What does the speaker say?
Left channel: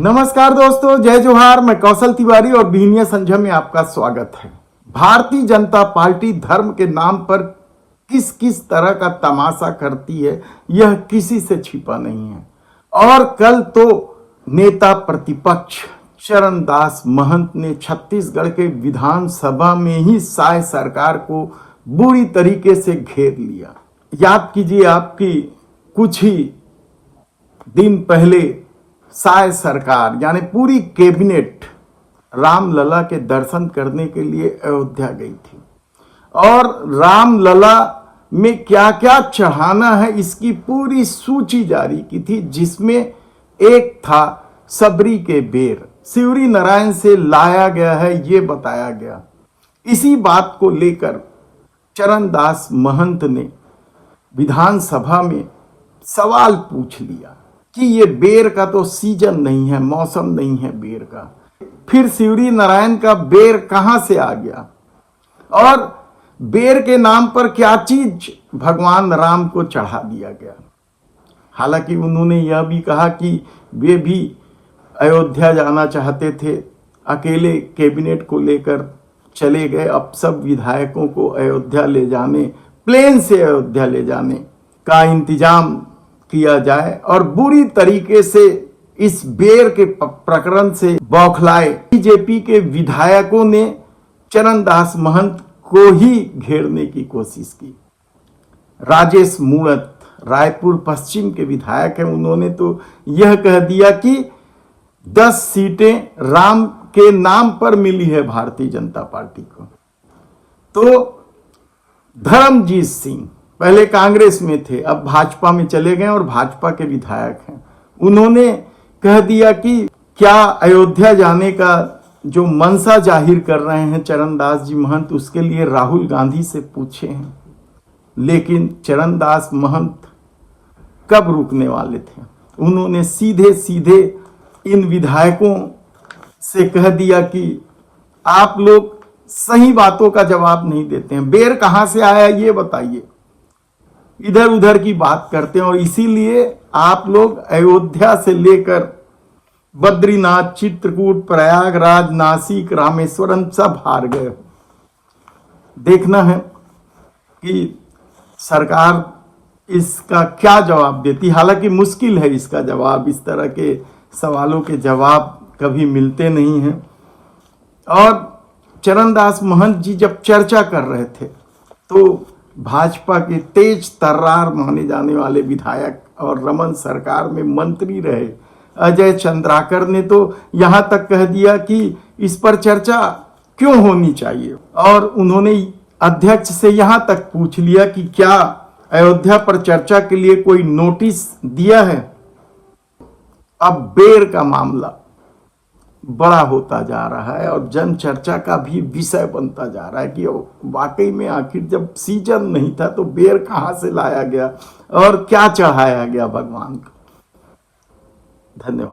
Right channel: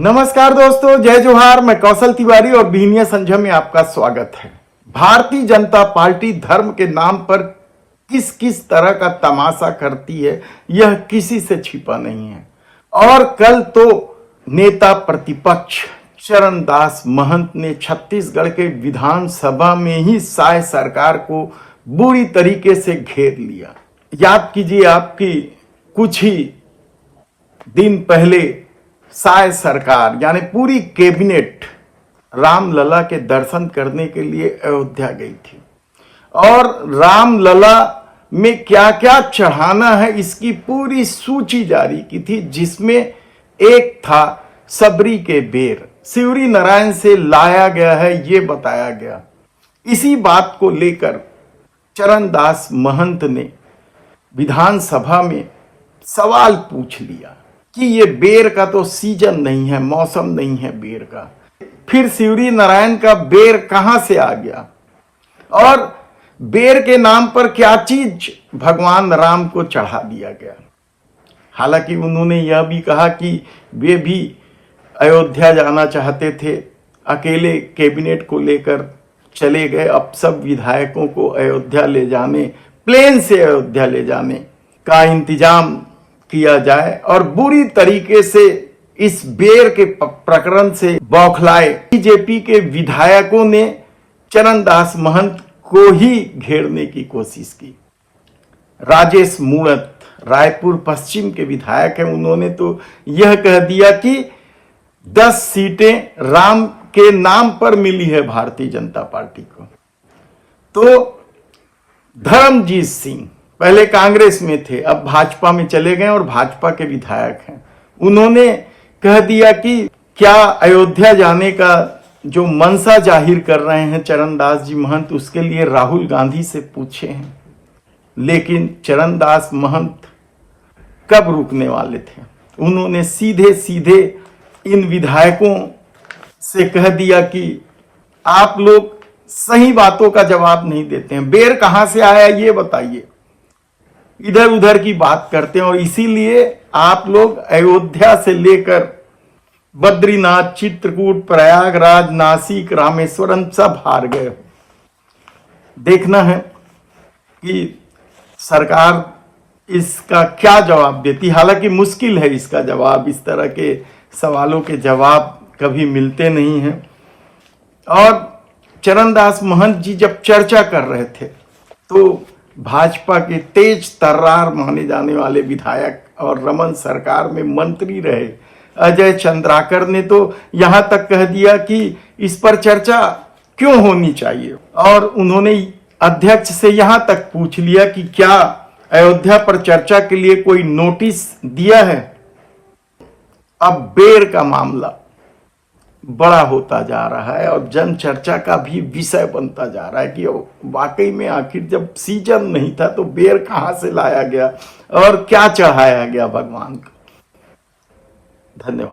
नमस्कार दोस्तों, जय जोहार। मैं कौशल तिवारी और बीनिया संझा में आपका स्वागत है। भारतीय जनता पार्टी धर्म के नाम पर किस किस तरह का तमाशा करती है, यह किसी से छिपा नहीं है। और कल तो नेता प्रतिपक्ष चरणदास महंत ने छत्तीसगढ़ के विधानसभा में ही साय सरकार को बुरी तरीके से घेर लिया। याद कीजिए, आपकी कुछ ही दिन पहले साय सरकार यानी पूरी कैबिनेट रामलला के दर्शन करने के लिए अयोध्या गई थी और रामलला में क्या क्या चढ़ाना है इसकी पूरी सूची जारी की थी, जिसमें एक था सबरी के बेर, शिवरी नारायण से लाया गया है, ये बताया गया। इसी बात को लेकर चरणदास महंत ने विधानसभा में सवाल पूछ लिया कि ये बेर का तो सीजन नहीं है, मौसम नहीं है बेर का, फिर शिवरी नारायण का बेर कहां से आ गया और बेर के नाम पर क्या चीज भगवान राम को चढ़ा दिया गया। हालांकि उन्होंने यह भी कहा कि वे भी अयोध्या जाना चाहते थे, अकेले कैबिनेट को लेकर चले गए। अब सब विधायकों को अयोध्या ले जाने, प्लेन से अयोध्या ले जाने का इंतजाम किया जाए और बुरी तरीके से इस बेर के प्रकरण से बौखलाए बीजेपी के विधायकों ने चरणदास महंत को ही घेरने की कोशिश की। राजेश मूणत रायपुर पश्चिम के विधायक हैं, उन्होंने तो यह कह दिया कि 10 सीटें राम के नाम पर मिली है भारतीय जनता पार्टी को। तो धर्मजीत सिंह पहले कांग्रेस में थे, अब भाजपा में चले गए और भाजपा के विधायक हैं, उन्होंने कह दिया कि क्या अयोध्या जाने का जो मनसा जाहिर कर रहे हैं चरणदास जी महंत, उसके लिए राहुल गांधी से पूछे हैं। लेकिन चरणदास महंत कब रुकने वाले थे? उन्होंने सीधे सीधे इन विधायकों से कह दिया कि आप लोग सही बातों का जवाब नहीं देते हैं, बेर कहां से आया ये बताइए, इधर उधर की बात करते हैं और इसीलिए आप लोग अयोध्या से लेकर बद्रीनाथ, चित्रकूट, प्रयागराज, नासिक, रामेश्वरम सब हार गए। देखना है कि सरकार इसका क्या जवाब देती। हालांकि मुश्किल है इसका जवाब, इस तरह के सवालों के जवाब कभी मिलते नहीं हैं। और चरणदास महंत जी जब चर्चा कर रहे थे तो भाजपा के तेज तर्रार माने जाने वाले विधायक और रमन सरकार में मंत्री रहे अजय चंद्राकर ने तो यहां तक कह दिया कि इस पर चर्चा क्यों होनी चाहिए, और उन्होंने अध्यक्ष से यहां तक पूछ लिया कि क्या अयोध्या पर चर्चा के लिए कोई नोटिस दिया है। अब बेर का मामला बड़ा होता जा रहा है और जन चर्चा का भी विषय बनता जा रहा है कि वाकई में आखिर जब सीजन नहीं था तो बेर कहां से लाया गया और क्या चढ़ाया गया भगवान को। धन्यवाद।